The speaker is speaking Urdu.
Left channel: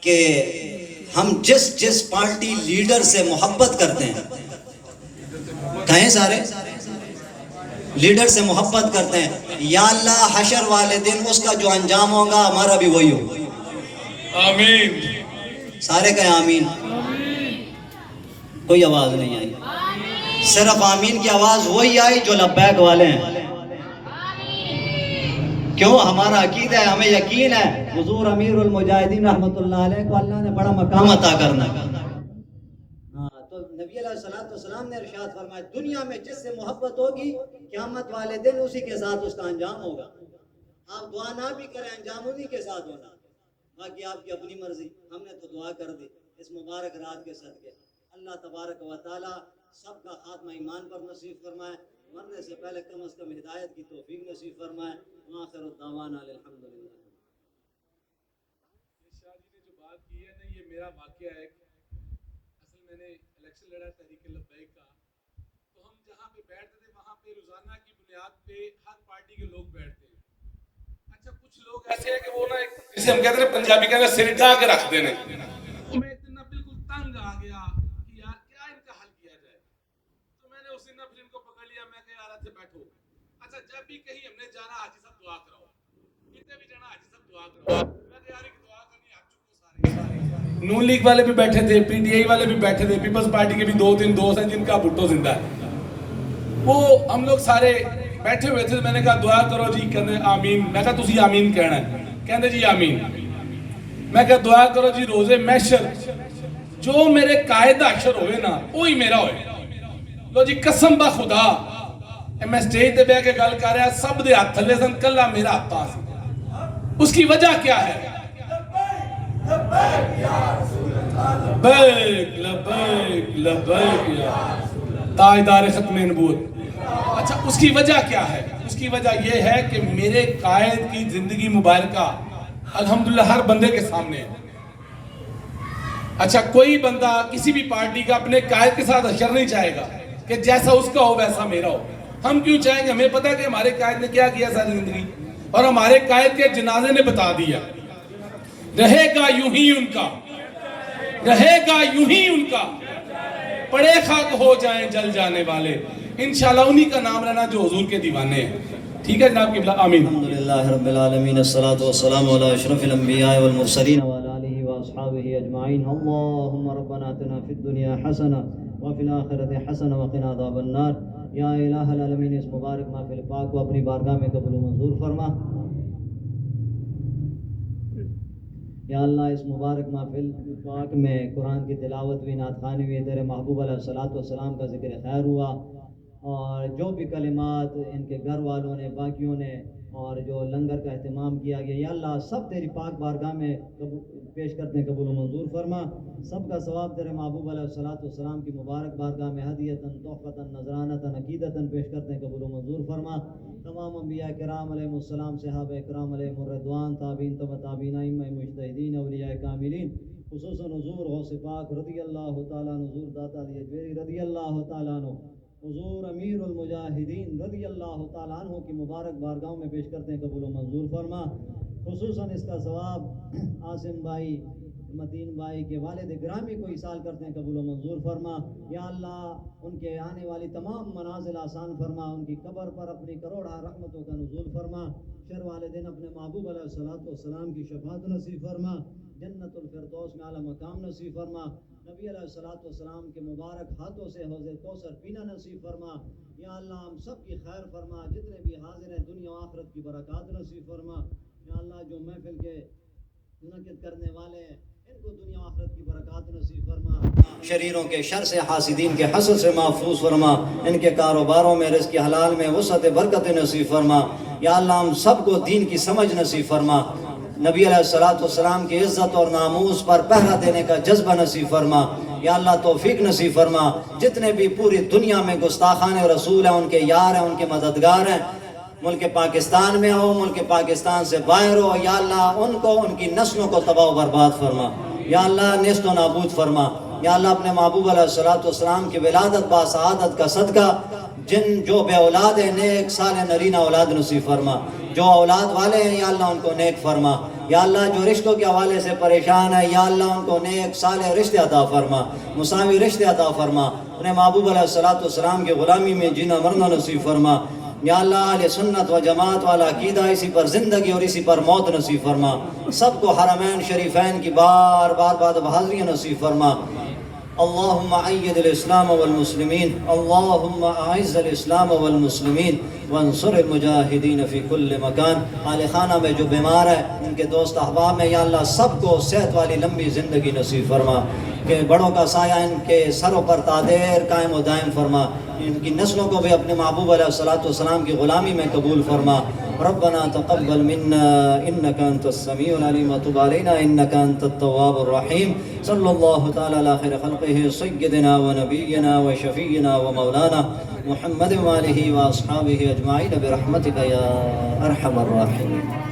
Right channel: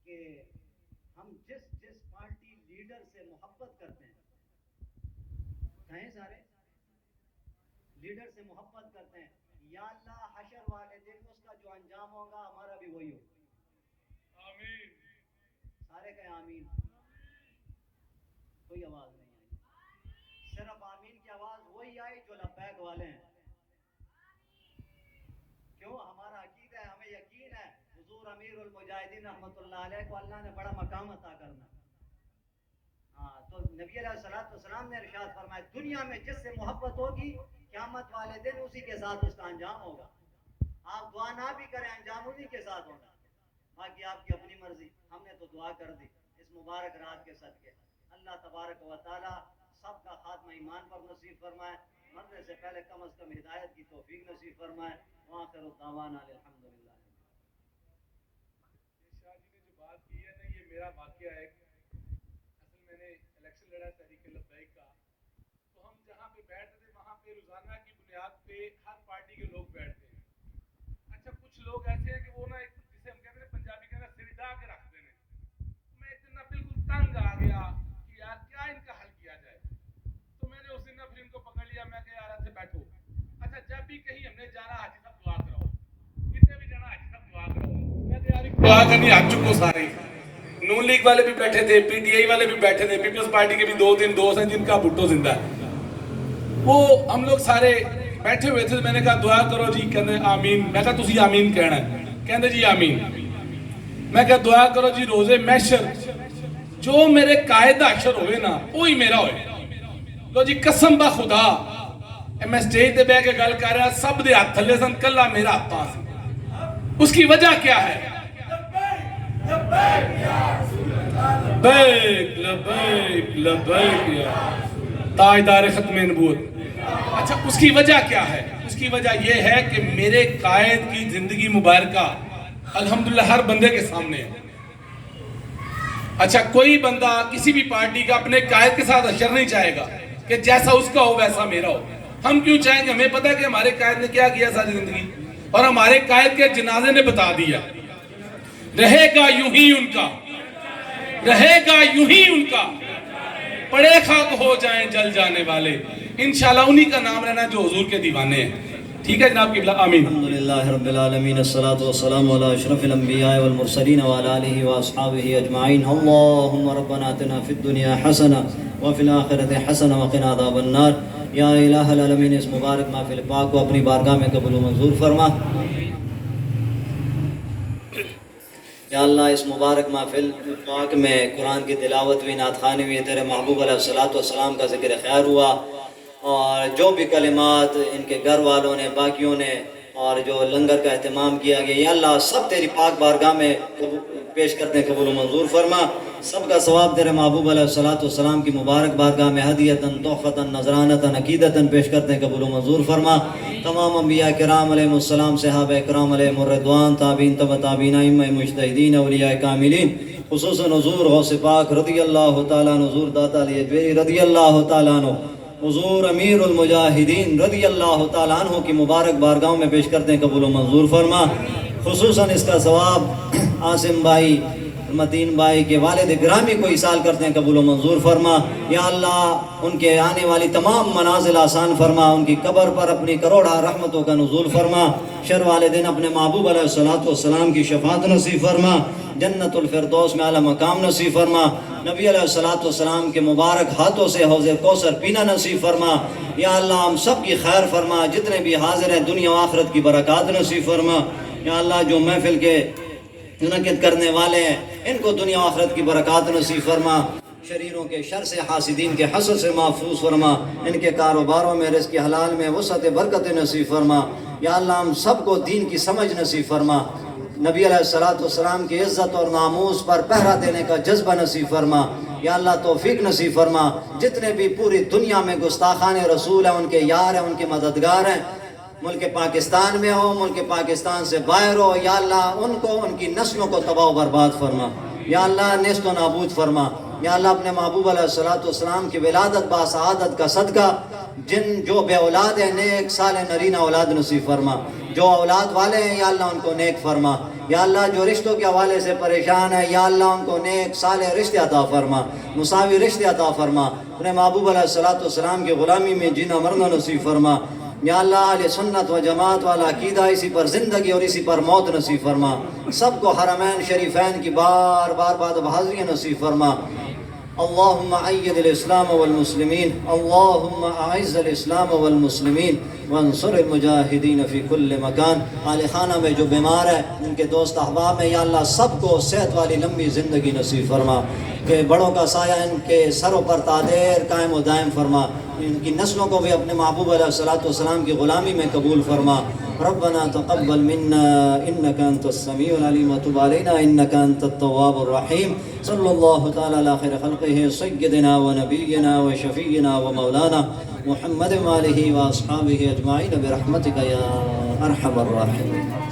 کہ ہم جس پارٹی لیڈر سے محبت کرتے ہیں، کہیں سارے لیڈر سے محبت کرتے ہیں، یا اللہ حشر والے دن اس کا جو انجام ہوگا ہمارا بھی وہی ہوگا. آمین. سارے کہیں آمین. کوئی آواز نہیں آئی. صرف آمین کی آواز وہی آئی جو لبیک والے ہیں. کیوں؟ ہمارا عقیدہ ہے، ہمیں یقین ہے حضور امیر المجاہدین رحمۃ اللہ علیہ کو اللہ نے بڑا مقام عطا کرنا. تو نبی علیہ السلام نے ارشاد فرمایا دنیا میں جس سے محبت ہوگی قیامت والے دن اسی کے ساتھ اس کا انجام ہوگا. آپ دعا نہ بھی کریں، انجام انہی کے ساتھ ہونا. باقی آپ کی اپنی مرضی. ہم نے تو دعا کر دی اس مبارک رات کے صدقے. اللہ تبارک و تعالی سب کا خاتمہ ایمان پر نصیب فرمائے، مرنے سے پہلے کم از کم ہدایت کی توفیق نصیب فرمائے. وآخر الدعوانا الحمدللہ. شاہ جی نے جو بات کی ہے نا، یہ میرا واقعہ ہے. اصل میں نے الیکشن لڑا تحریک لبیک کا، تو ہم جہاں پہ بیٹھتے تھے وہاں پہ روزانہ کی بنیاد پہ ہر پارٹی کے لوگ بیٹھتے ہیں. اچھا کچھ لوگ ایسے ہیں کہ وہ نا جسے ہم کہتے ہیں پنجابی کہتے ہیں سر ڈھا کے رکھتے ہیں. میں ایک دن نا بالکل تنگ آ گیا کہ یار کیا ان کا حل کیا جائے. تو میں نے اس دن پھر ان کو پکڑ لیا. میں کہ یار ایسے بیٹھو، اچھا جب بھی کہیں ہم نے جانا حاجی صاحب دعا کراؤ، کتنے بھی جانا حاجی صاحب دعا کراؤ. میں کہ یار دعا کرنی آ چکو سارے. نون لیگ والے بھی بیٹھے تھے، پی ٹی آئی والے بھی بیٹھے تھے، پیپلز پارٹی کے بھی 2-3 دوست ہیں جن کا بھٹو زندہ ہے. وہ ہم لوگ سارے بیٹھے ہوئے تھے. میں نے کہا دعا کرو جی. کہتے آمین. میں کہا تسی آمین کہنا ہے. کہتے جی آمین. میں کہا دعا کرو جی روزے محشر جو میرے قائد حشر ہوئے نا وہی میرا ہوئے. لو جی قسم با خدا میں سٹیج تے بیٹھ کے گل کر رہا، سب دے ہاتھ تھلے سن، کلا میرا ہاتھ پاس. اس کی وجہ کیا ہے؟ لبیک لبیک لبیک یا تاجدار ختم نبوت. اچھا اس کی وجہ کیا ہے؟ اس کی وجہ یہ ہے کہ میرے قائد کی زندگی مبارکہ الحمدللہ ہر بندے کے سامنے ہے. اچھا کوئی بندہ کسی بھی پارٹی کا اپنے قائد کے ساتھ حشر نہیں چاہے گا کہ جیسا اس کا ہو ویسا میرا ہو. ہم کیوں چاہیں گے؟ ہمیں پتہ ہے کہ ہمارے قائد نے کیا کیا ساری زندگی، اور ہمارے قائد کے جنازے نے بتا دیا رہے گا یوں ہی ان کا، رہے گا یوں ہی ان کا، پڑے خاک ہو جائیں جل جانے والے. انشاءاللہ انہی کا نام رہنا جو حضور کے دیوانے ہیں. ٹھیک ہے جناب قبلہ. آمین. الحمدللہ رب العالمین، الصلاة والسلام علی اشرف الانبیاء والمرسلین وعلی آلہ واصحابہ اجمعین. اللہم ربنا آتنا فی الدنیا حسنہ وفی الآخرۃ حسنہ وقنا عذاب النار. یا الہ العالمین اس مبارک محفل پاک کو اپنی بارگاہ میں قبول و منظور فرما. یا اللہ اس مبارک محفل پاک میں قرآن کی تلاوت ہوئی، نعت خوانی ہوئی، تیرے محبوب علیہ الصلوۃ کا ذکر خیر ہوا، اور جو بھی کلمات ان کے گھر والوں نے، باقیوں نے، اور جو لنگر کا اہتمام کیا گیا، یا اللہ سب تیری پاک بارگاہ میں پیش کرتے ہیں، قبول و منظور فرما. سب کا ثواب تیرے محبوب علیہ الصلوۃ کی مبارک بارگاہ میں ہدیتاً تحفتاً نذرانتاً عقیدتاً پیش کرتے ہیں، قبول و منظور فرما. تمام انبیاء کرام علیہ السلام، صحابہ کرام علیہ الرضوان، تابعین تبع تابعین، ائمہ مجتہدین، اولیاء کاملین، خصوصاً حضور غوث پاک رضی اللہ تعالیٰ عنہ، حضور داتا علی اجویری رضی اللہ تعالیٰ عنہ، حضور امیر المجاہدین رضی اللہ تعالیٰ عنہ کی مبارک بارگاہوں میں پیش کرتے ہیں، قبول و منظور فرما. خصوصاً اس کا ثواب عاصم بھائی، متین بھائی کے والد گرامی کو ایصال کرتے ہیں، قبول و منظور فرما. یا اللہ ان کے آنے والی تمام منازل آسان فرما، ان کی قبر پر اپنی کروڑہ رحمتوں کا نزول فرما. شر والے دن اپنے محبوب علیہ السلام کی شفاعت نصیب فرما، جنت الفردوس میں اعلیٰ مقام نصیب فرما. نبی علیہ السلام کے مبارک ہاتھوں سے حوض کوثر پینا نصیب فرما. یا اللہ ہم سب کی خیر فرما، جتنے بھی حاضر ہیں دنیا و آخرت کی برکات نصیب فرما. یا اللہ جو محفل کے منعقد کرنے والے ہیں ان کو دنیا و آخرت کی برکات نصیب فرما. شریروں کے شر سے، حاسدین کے حسد سے محفوظ فرما. ان کے کاروباروں میں، رزق حلال میں وسعت برکت نصیب فرما. یا اللہ ہم سب کو دین کی سمجھ نصیب فرما. نبی علیہ السلام کی عزت اور ناموس پر پہرا دینے کا جذبہ نصیب فرما. یا اللہ توفیق نصیب فرما. جتنے بھی پوری دنیا میں گستاخان رسول ہیں، ان کے یار ہیں، ان کے مددگار ہیں، ملک پاکستان میں ہو، ملک پاکستان سے باہر ہو، یا اللہ ان کو، ان کی نسلوں کو تباہ و برباد فرما. یا اللہ نیست و نابود فرما. یا اللہ اپنے محبوب علیہ السلام کی ولادت با سعادت کا صدقہ جو بے اولاد ہیں نیک صالح نرینہ اولاد نصیب فرما. جو اولاد والے ہیں یا اللہ ان کو نیک فرما. یا اللہ جو رشتوں کے حوالے سے پریشان ہے یا اللہ ان کو نیک صالح رشتے عطا فرما، مساوی رشتے عطا فرما، انہیں محبوب علیہ الصلوۃ والسلام کی غلامی میں جینا مرنا نصیب فرما، یا اللہ اہل سنت و جماعت والا عقیدہ اسی پر زندگی اور اسی پر موت نصیب فرما، سب کو حرمین شریفین کی بار بار بعد بحاضری نصیب فرما۔ اللہم عید الاسلام والمسلمین، اللہم اعز الاسلام والمسلمین وانصر المجاہدین فی کل مکان۔ اہل خانہ میں جو بیمار ہے، ان کے دوست احباب میں یا اللہ سب کو صحت والی لمبی زندگی نصیب فرما، کہ بڑوں کا سایہ ان کے سروں پر تادیر قائم و دائم فرما، ان کی نسلوں کو بھی اپنے محبوب علیہ الصلوۃ والسلام کی غلامی میں قبول فرما۔ ربنا تقبل منا انك انت السميع العليم وتب علينا انك انت التواب الرحيم۔ صلی اللہ تعالی علی خیر خلقہ سیدنا و نبینا و شفیعنا و مولانا محمد و آلہ و اصحابہ اجمعین برحمتک یا ارحم الراحمین۔